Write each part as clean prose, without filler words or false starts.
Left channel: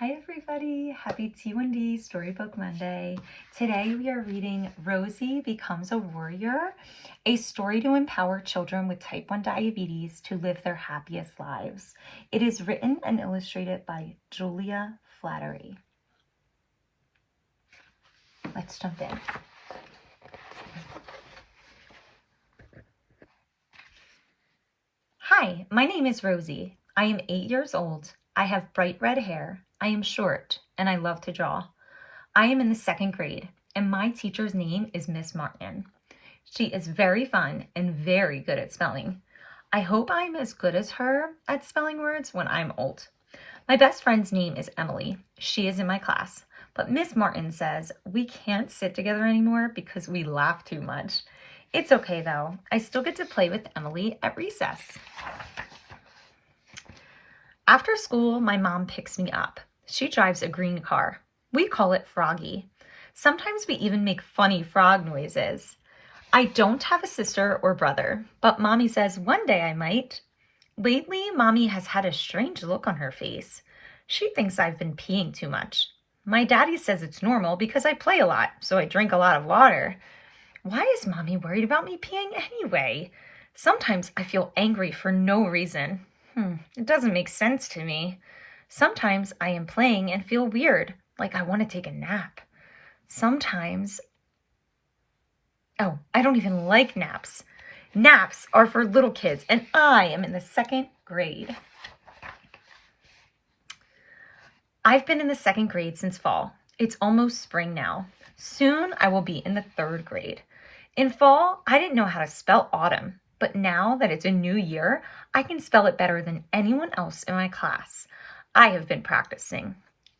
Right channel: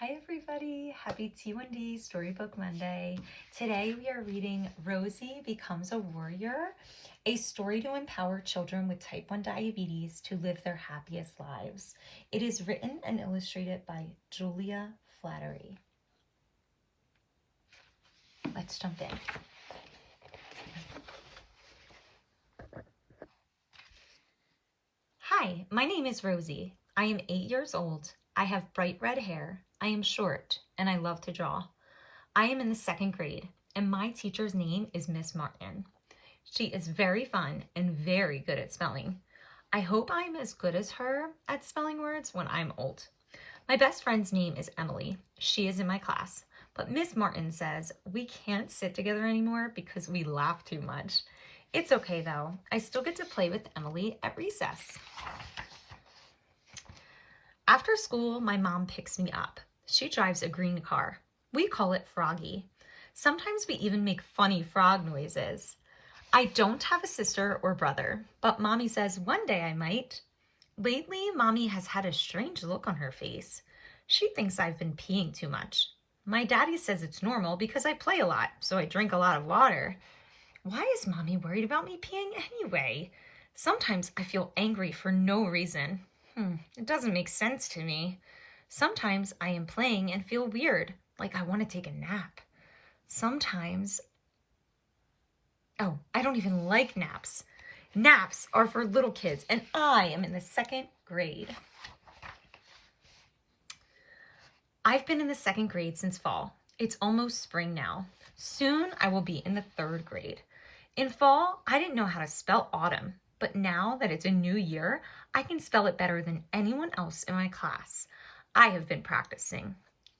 Hi everybody, happy T1D Storybook Monday. Today we are reading Rosie Becomes a Warrior, a story to empower children with type 1 diabetes to live their happiest lives. It is written and illustrated by Julia Flaherty. Let's jump in. Hi, my name is Rosie. I am 8 years old. I have bright red hair. I am short and I love to draw. I am in the 2nd grade and my teacher's name is Miss Martin. She is very fun and very good at spelling. I hope I'm as good as her at spelling words when I'm old. My best friend's name is Emily. She is in my class, but Miss Martin says we can't sit together anymore because we laugh too much. It's okay though. I still get to play with Emily at recess. After school, my mom picks me up. She drives a green car. We call it Froggy. Sometimes we even make funny frog noises. I don't have a sister or brother, but Mommy says one day I might. Lately, Mommy has had a strange look on her face. She thinks I've been peeing too much. My daddy says it's normal because I play a lot, so I drink a lot of water. Why is Mommy worried about me peeing anyway? Sometimes I feel angry for no reason. It doesn't make sense to me. Sometimes I am playing and feel weird, like I want to take a nap. Sometimes, I don't even like naps. Naps are for little kids, and I am in the 2nd grade. I've been in the 2nd grade since fall. It's almost spring now. Soon I will be in the 3rd grade. In fall, I didn't know how to spell autumn, but now that it's a new year, I can spell it better than anyone else in my class. I have been practicing.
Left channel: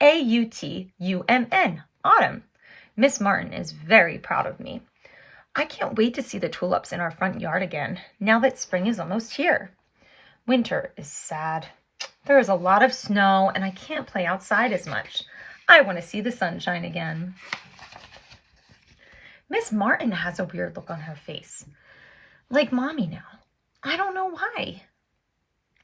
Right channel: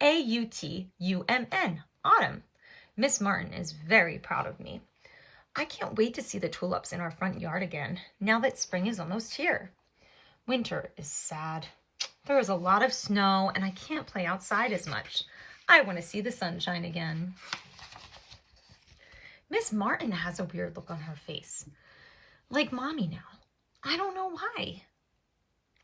A-U-T-U-M-N, autumn. Miss Martin is very proud of me. I can't wait to see the tulips in our front yard again, now that spring is almost here. Winter is sad. There is a lot of snow and I can't play outside as much. I want to see the sunshine again. Miss Martin has a weird look on her face. Like Mommy now. I don't know why.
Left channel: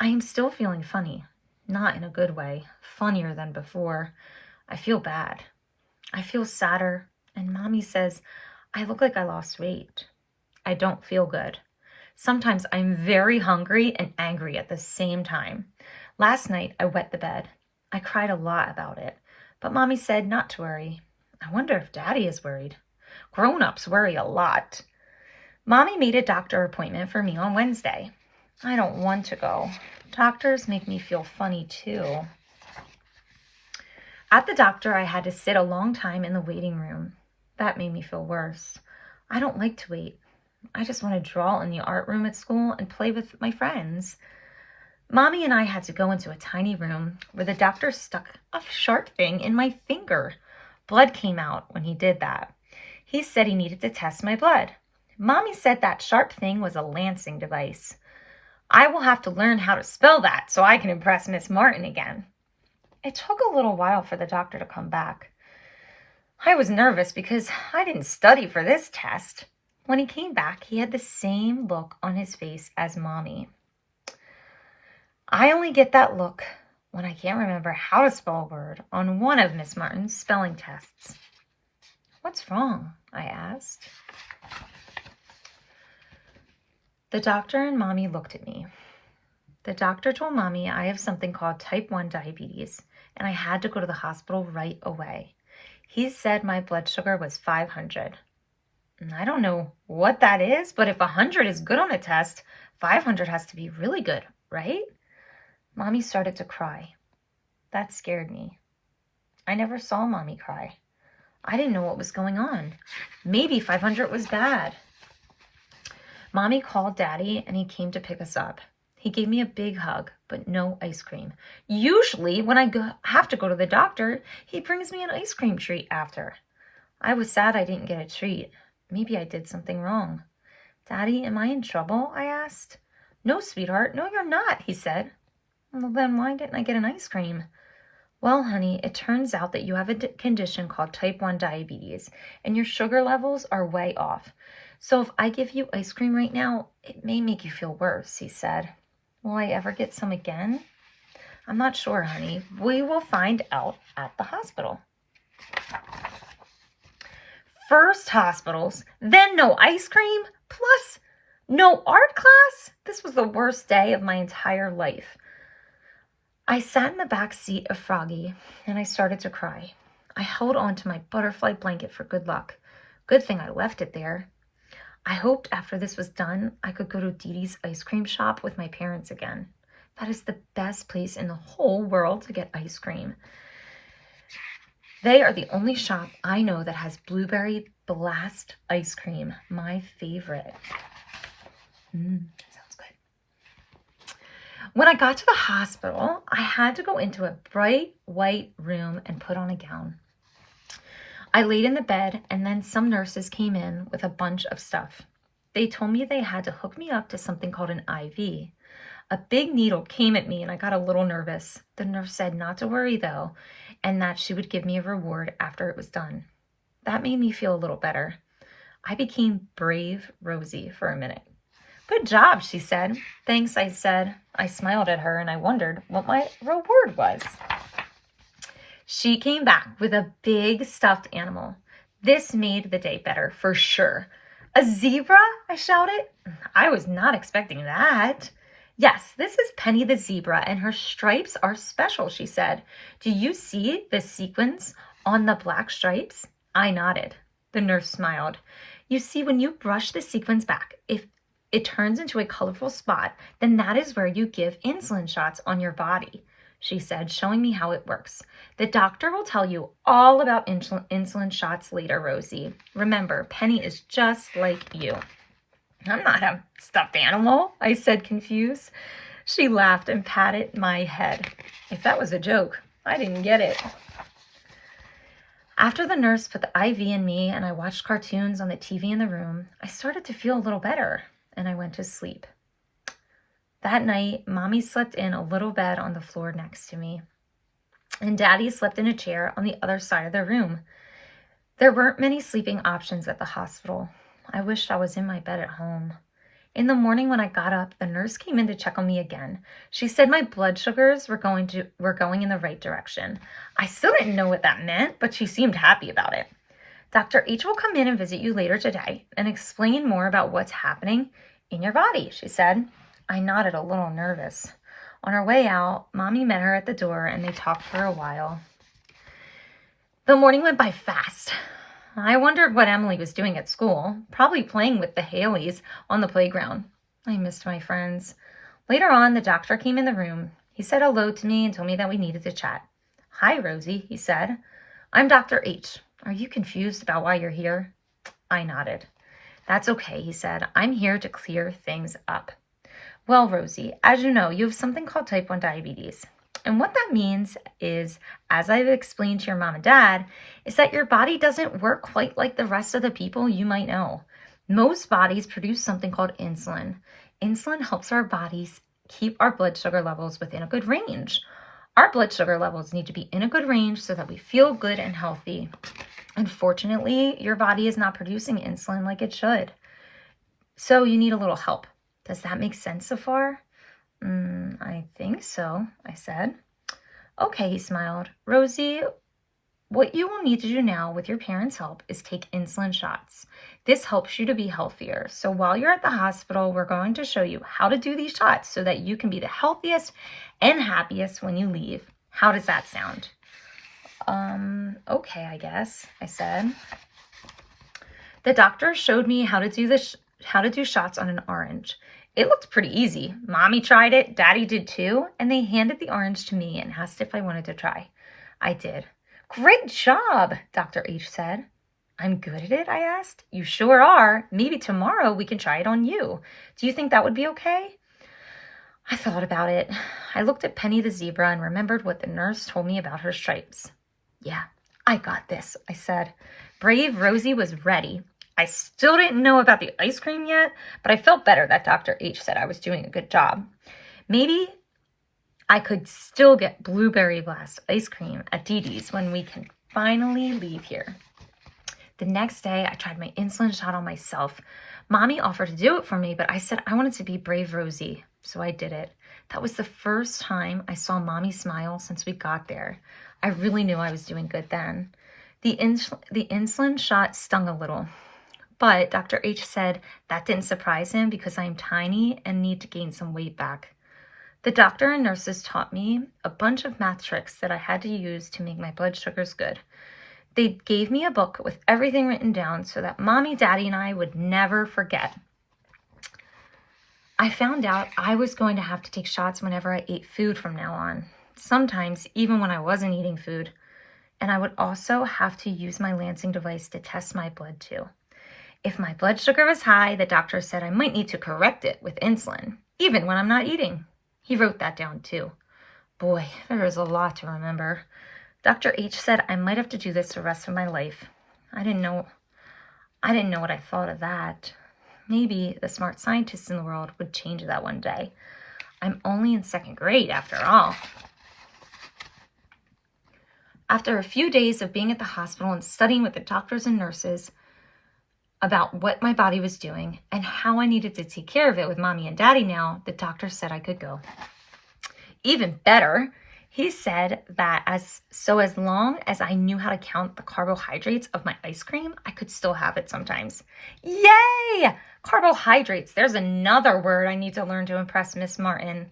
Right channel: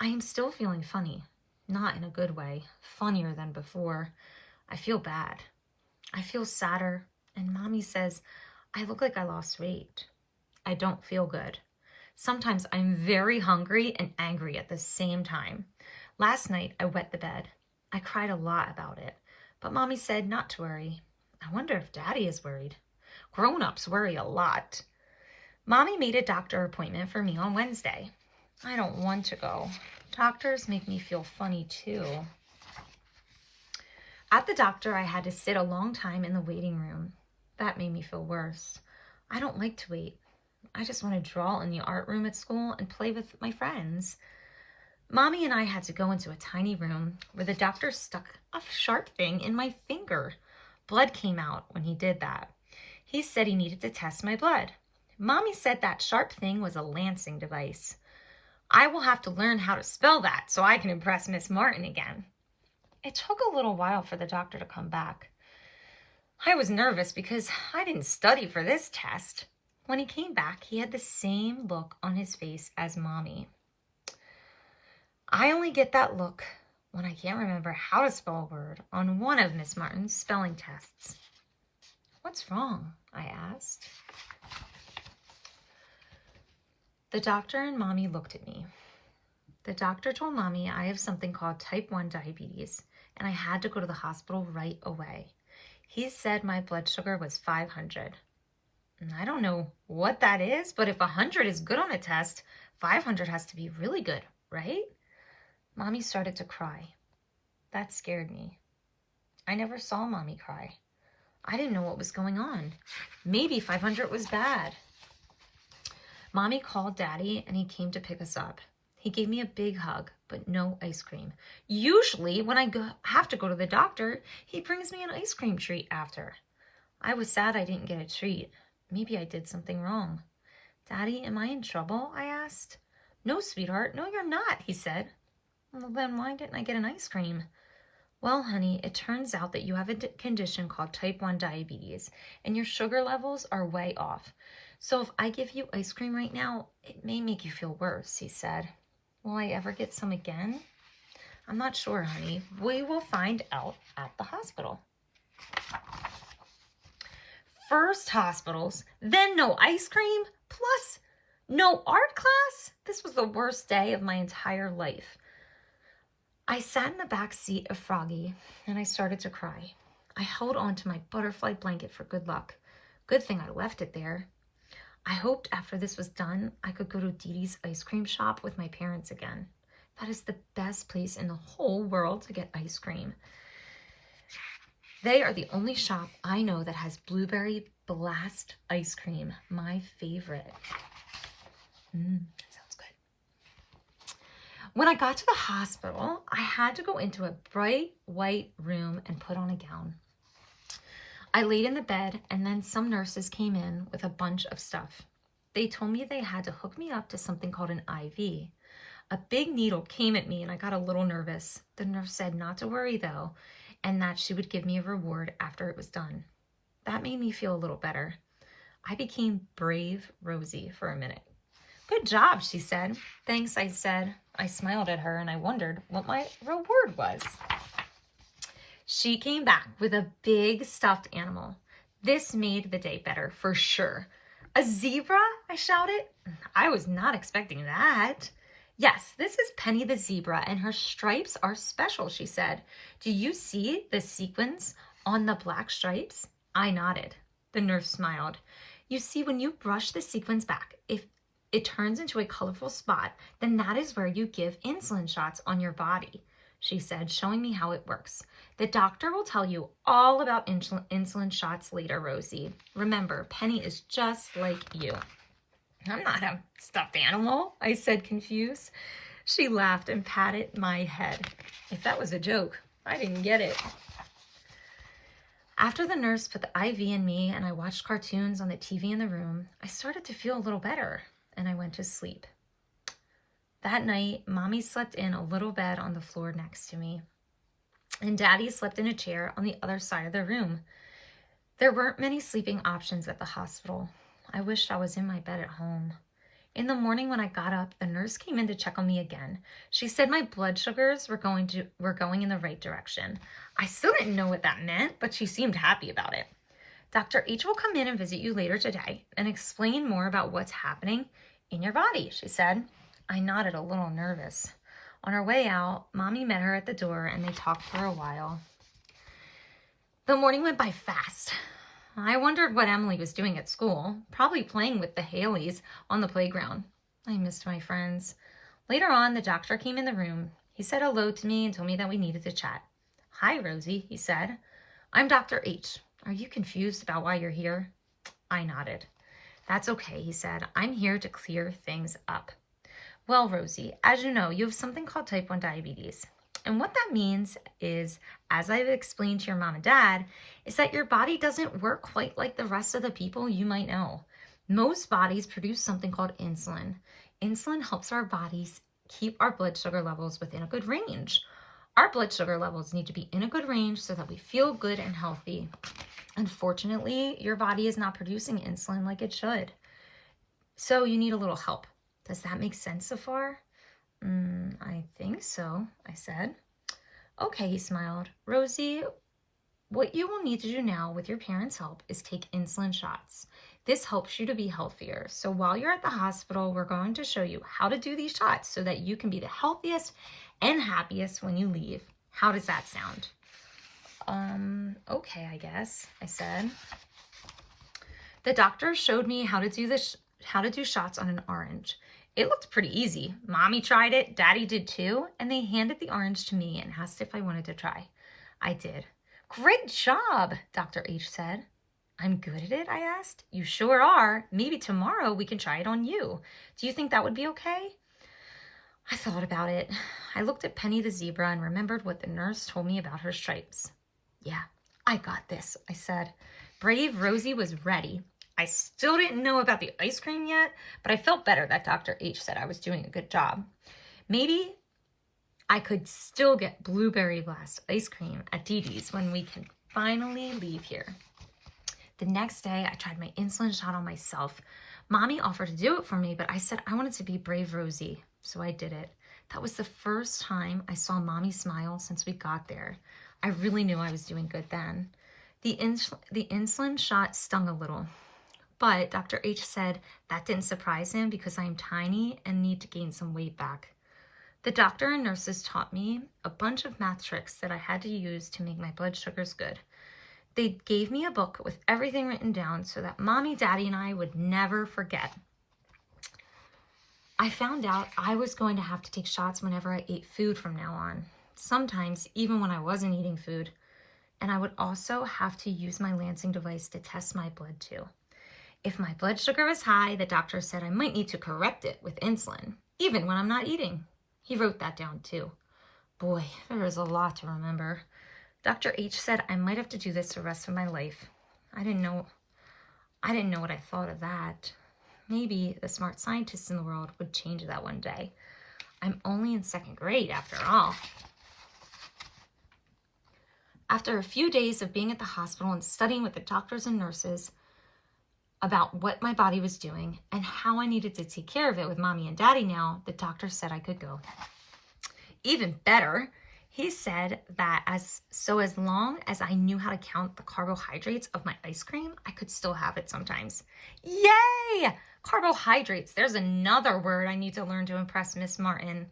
I am still feeling funny. Not in a good way. Funnier than before. I feel bad. I feel sadder. And Mommy says I look like I lost weight. I don't feel good. Sometimes I'm very hungry and angry at the same time. Last night I wet the bed. I cried a lot about it. But Mommy said not to worry. I wonder if Daddy is worried. Grown-ups worry a lot. Mommy made a doctor appointment for me on Wednesday. I don't want to go. Doctors make me feel funny too. At the doctor, I had to sit a long time in the waiting room. That made me feel worse. I don't like to wait. I just want to draw in the art room at school and play with my friends. Mommy and I had to go into a tiny room where the doctor stuck a sharp thing in my finger. Blood came out when he did that. He said he needed to test my blood. Mommy said that sharp thing was a lancing device. I will have to learn how to spell that so I can impress Miss Martin again. It took a little while for the doctor to come back. I was nervous because I didn't study for this test. When he came back, he had the same look on his face as Mommy. I only get that look when I can't remember how to spell a word on one of Miss Martin's spelling tests. What's wrong? I asked. The doctor and Mommy looked at me. The doctor told Mommy I have something called type 1 diabetes, and I had to go to the hospital right away. He said my blood sugar was 500. I don't know what that is, but if 100 is good on a test, 500 has to be really good, right? Mommy started to cry. That scared me. I never saw Mommy cry. I didn't know what was going on. Maybe 500 was bad. Mommy called Daddy and he came to pick us up. He gave me a big hug, but no ice cream. Usually when I have to go to the doctor, he brings me an ice cream treat after. I was sad I didn't get a treat. Maybe I did something wrong. Daddy, am I in trouble? I asked. No, sweetheart. No, you're not, he said. Well, then why didn't I get an ice cream? Well, honey, it turns out that you have a condition called type 1 diabetes, and your sugar levels are way off. So if I give you ice cream right now, it may make you feel worse, he said. Will I ever get some again? I'm not sure, honey. We will find out at the hospital. First hospitals, then no ice cream, plus no art class. This was the worst day of my entire life. I sat in the back seat of Froggy and I started to cry. I held on to my butterfly blanket for good luck. Good thing I left it there. I hoped after this was done, I could go to Dee Dee's ice cream shop with my parents again. That is the best place in the whole world to get ice cream. They are the only shop I know that has blueberry blast ice cream, my favorite. Sounds good. When I got to the hospital, I had to go into a bright white room and put on a gown. I laid in the bed, and then some nurses came in with a bunch of stuff. They told me they had to hook me up to something called an IV. A big needle came at me, and I got a little nervous. The nurse said not to worry, though, and that she would give me a reward after it was done. That made me feel a little better. I became brave Rosie for a minute. Good job, she said. Thanks, I said. I smiled at her, and I wondered what my reward was. She came back with a big stuffed animal. This made the day better, for sure. A zebra? I shouted. I was not expecting that. Yes, this is Penny the zebra, and her stripes are special, she said. Do you see the sequins on the black stripes? I nodded. The nurse smiled. You see, when you brush the sequins back, if it turns into a colorful spot, then that is where you give insulin shots on your body, she said, showing me how it works. The doctor will tell you all about insulin shots later, Rosie. Remember, Penny is just like you. I'm not a stuffed animal, I said, confused. She laughed and patted my head. If that was a joke, I didn't get it. After the nurse put the IV in me and I watched cartoons on the TV in the room, I started to feel a little better, and I went to sleep. That night, Mommy slept in a little bed on the floor next to me, and Daddy slept in a chair on the other side of the room. There weren't many sleeping options at the hospital. I wished I was in my bed at home. In the morning when I got up, the nurse came in to check on me again. She said my blood sugars were going in the right direction. I still didn't know what that meant, but she seemed happy about it. Dr. H will come in and visit you later today and explain more about what's happening in your body, she said. I nodded, a little nervous. On her way out, Mommy met her at the door and they talked for a while. The morning went by fast. I wondered what Emily was doing at school, probably playing with the Haleys on the playground. I missed my friends. Later on, the doctor came in the room. He said hello to me and told me that we needed to chat. Hi, Rosie, he said. I'm Dr. H. Are you confused about why you're here? I nodded. That's okay, he said. I'm here to clear things up. Well, Rosie, as you know, you have something called type 1 diabetes. And what that means is, as I've explained to your mom and dad, is that your body doesn't work quite like the rest of the people you might know. Most bodies produce something called insulin. Insulin helps our bodies keep our blood sugar levels within a good range. Our blood sugar levels need to be in a good range so that we feel good and healthy. Unfortunately, your body is not producing insulin like it should. So you need a little help. Does that make sense so far? I think so, I said. Okay, he smiled. Rosie, what you will need to do now with your parents' help is take insulin shots. This helps you to be healthier. So while you're at the hospital, we're going to show you how to do these shots so that you can be the healthiest and happiest when you leave. How does that sound? Okay, I guess, I said. The doctor showed me how to do shots on an orange. It looked pretty easy. Mommy tried it, Daddy did too, and they handed the orange to me and asked if I wanted to try. I did. Great job, Dr. H said. I'm good at it, I asked. You sure are. Maybe tomorrow we can try it on you. Do you think that would be okay? I thought about it. I looked at Penny the zebra and remembered what the nurse told me about her stripes. Yeah, I got this, I said. Brave Rosie was ready. I still didn't know about the ice cream yet, but I felt better that Dr. H said I was doing a good job. Maybe I could still get blueberry blast ice cream at Dee Dee's when we can finally leave here. The next day, I tried my insulin shot on myself. Mommy offered to do it for me, but I said I wanted to be brave Rosie, so I did it. That was the first time I saw Mommy smile since we got there. I really knew I was doing good then. The insulin shot stung a little, but Dr. H said that didn't surprise him because I'm tiny and need to gain some weight back. The doctor and nurses taught me a bunch of math tricks that I had to use to make my blood sugars good. They gave me a book with everything written down so that Mommy, Daddy, and I would never forget. I found out I was going to have to take shots whenever I ate food from now on, sometimes even when I wasn't eating food. And I would also have to use my Lansing device to test my blood too. If my blood sugar was high, the doctor said I might need to correct it with insulin, even when I'm not eating. He wrote that down too. Boy, there is a lot to remember. Dr. H said I might have to do this the rest of my life. I didn't know what I thought of that. Maybe the smart scientists in the world would change that one day. I'm only in 2nd grade after all. After a few days of being at the hospital and studying with the doctors and nurses about what my body was doing and how I needed to take care of it with Mommy and Daddy now, the doctor said I could go. Even better, he said that as long as I knew how to count the carbohydrates of my ice cream, I could still have it sometimes. Yay! Carbohydrates. There's another word I need to learn to impress Miss Martin.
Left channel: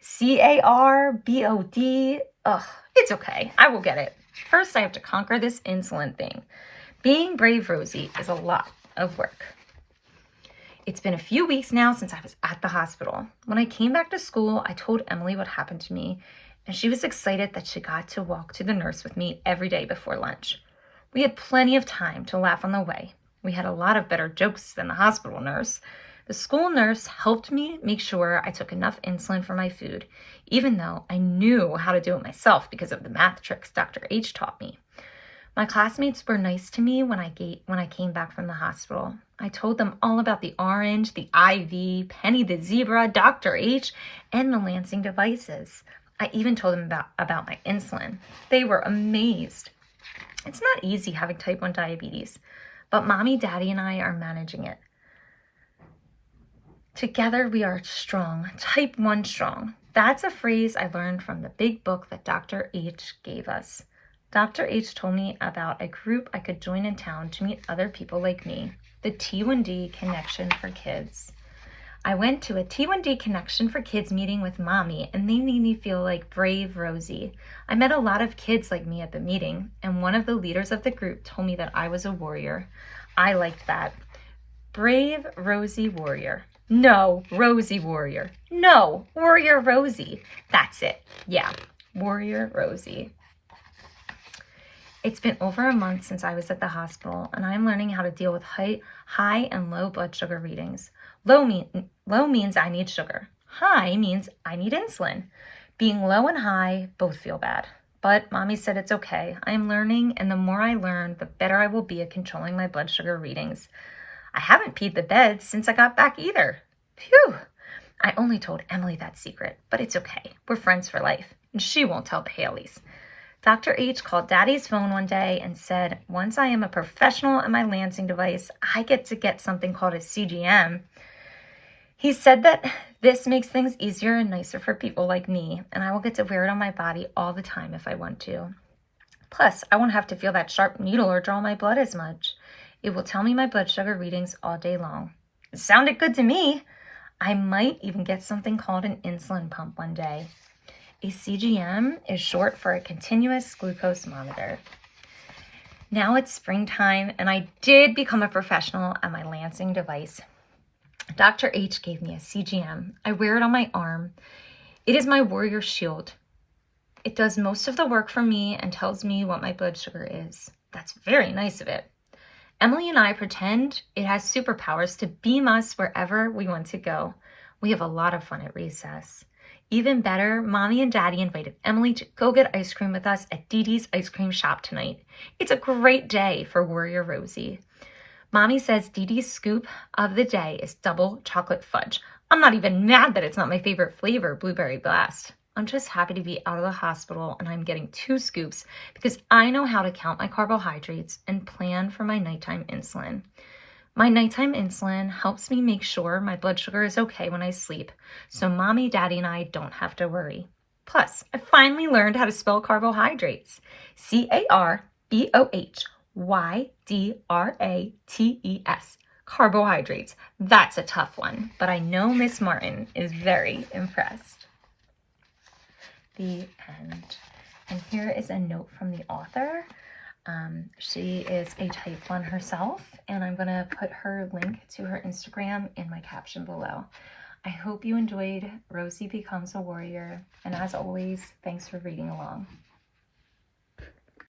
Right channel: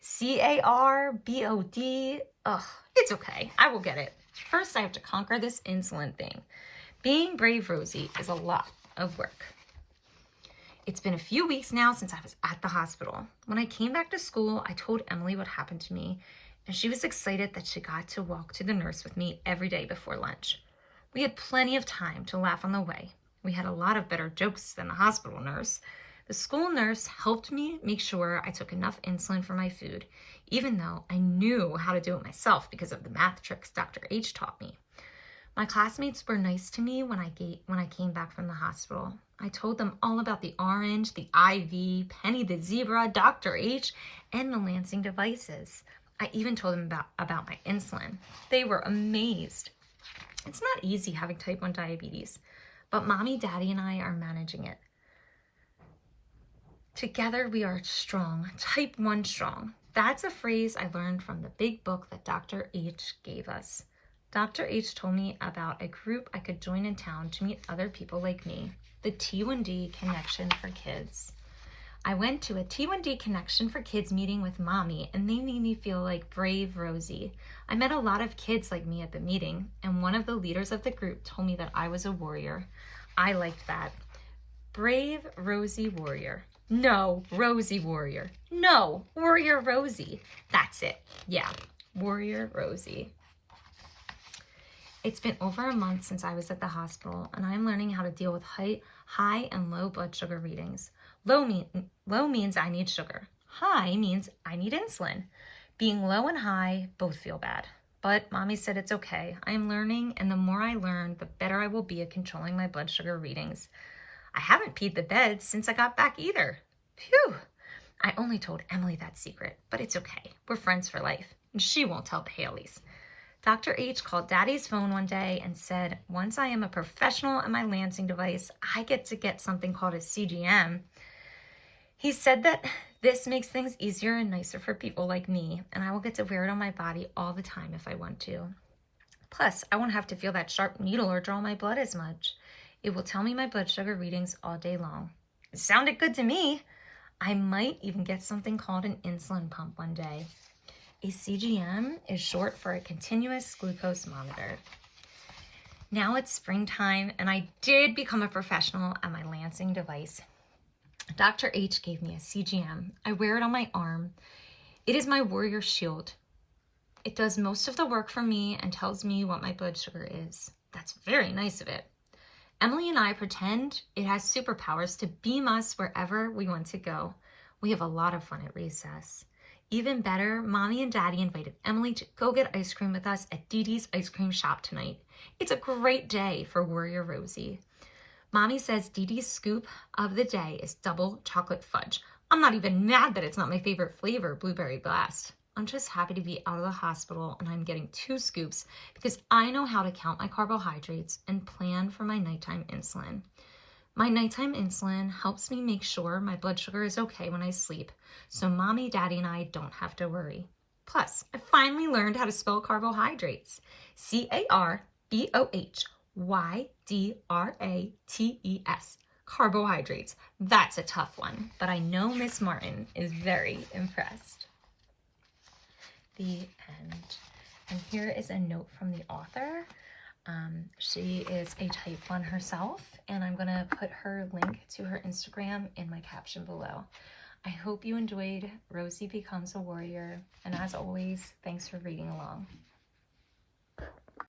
C-A-R-B-O-D. Ugh, it's okay. I will get it. First, I have to conquer this insulin thing. Being brave, Rosie, is a lot of work. It's been a few weeks now since I was at the hospital. When I came back to school, I told Emily what happened to me, and she was excited that she got to walk to the nurse with me every day before lunch. We had plenty of time to laugh on the way. We had a lot of better jokes than the hospital nurse. The school nurse helped me make sure I took enough insulin for my food, even though I knew how to do it myself because of the math tricks Dr. H taught me. My classmates were nice to me when I came back from the hospital. I told them all about the orange, the IV, Penny the zebra, Dr. H, and the Lansing devices. I even told them about my insulin. They were amazed. It's not easy having type 1 diabetes, but Mommy, Daddy, and I are managing it. Together we are strong, type 1 strong. That's a phrase I learned from the big book that Dr. H gave us. Dr. H told me about a group I could join in town to meet other people like me, the T1D Connection for Kids. I went to a T1D Connection for Kids meeting with Mommy, and they made me feel like brave Rosie. I met a lot of kids like me at the meeting, and one of the leaders of the group told me that I was a warrior. I liked that. Brave Rosie Warrior. No, Rosie Warrior. No, Warrior Rosie. That's it. Yeah, Warrior Rosie. It's been over a month since I was at the hospital, and I'm learning how to deal with high and low blood sugar readings. Low means I need sugar. High means I need insulin. Being low and high both feel bad. But Mommy said it's okay. I am learning, and the more I learn, the better I will be at controlling my blood sugar readings. I haven't peed the bed since I got back either. Phew! I only told Emily that secret, but it's okay. We're friends for life, and she won't tell the Haleys. Dr. H called Daddy's phone one day and said, once I am a professional at my Lansing device, I get to get something called a CGM. He said that this makes things easier and nicer for people like me, and I will get to wear it on my body all the time if I want to. Plus, I won't have to feel that sharp needle or draw my blood as much. It will tell me my blood sugar readings all day long. It sounded good to me. I might even get something called an insulin pump one day. A CGM is short for a continuous glucose monitor. Now it's springtime, and I did become a professional at my Lansing device. Dr. H gave me a CGM. I wear it on my arm. It is my warrior shield. It does most of the work for me and tells me what my blood sugar is. That's very nice of it. Emily and I pretend it has superpowers to beam us wherever we want to go. We have a lot of fun at recess. Even better, Mommy and Daddy invited Emily to go get ice cream with us at Dee Dee's ice cream shop tonight. It's a great day for Warrior Rosie. Mommy says Dee Dee's scoop of the day is double chocolate fudge. I'm not even mad that it's not my favorite flavor, Blueberry Blast. I'm just happy to be out of the hospital, and I'm getting 2 scoops because I know how to count my carbohydrates and plan for my nighttime insulin. My nighttime insulin helps me make sure my blood sugar is okay when I sleep, so Mommy, Daddy, and I don't have to worry. Plus, I finally learned how to spell carbohydrates. Carbohydrates. Carbohydrates. That's a tough one, but I know Miss Martin is very impressed. The end. And here is a note from the author. She is a type 1 herself, and I'm going to put her link to her Instagram in my caption below. I hope you enjoyed Rosie Becomes a Warrior, and as always, thanks for reading along.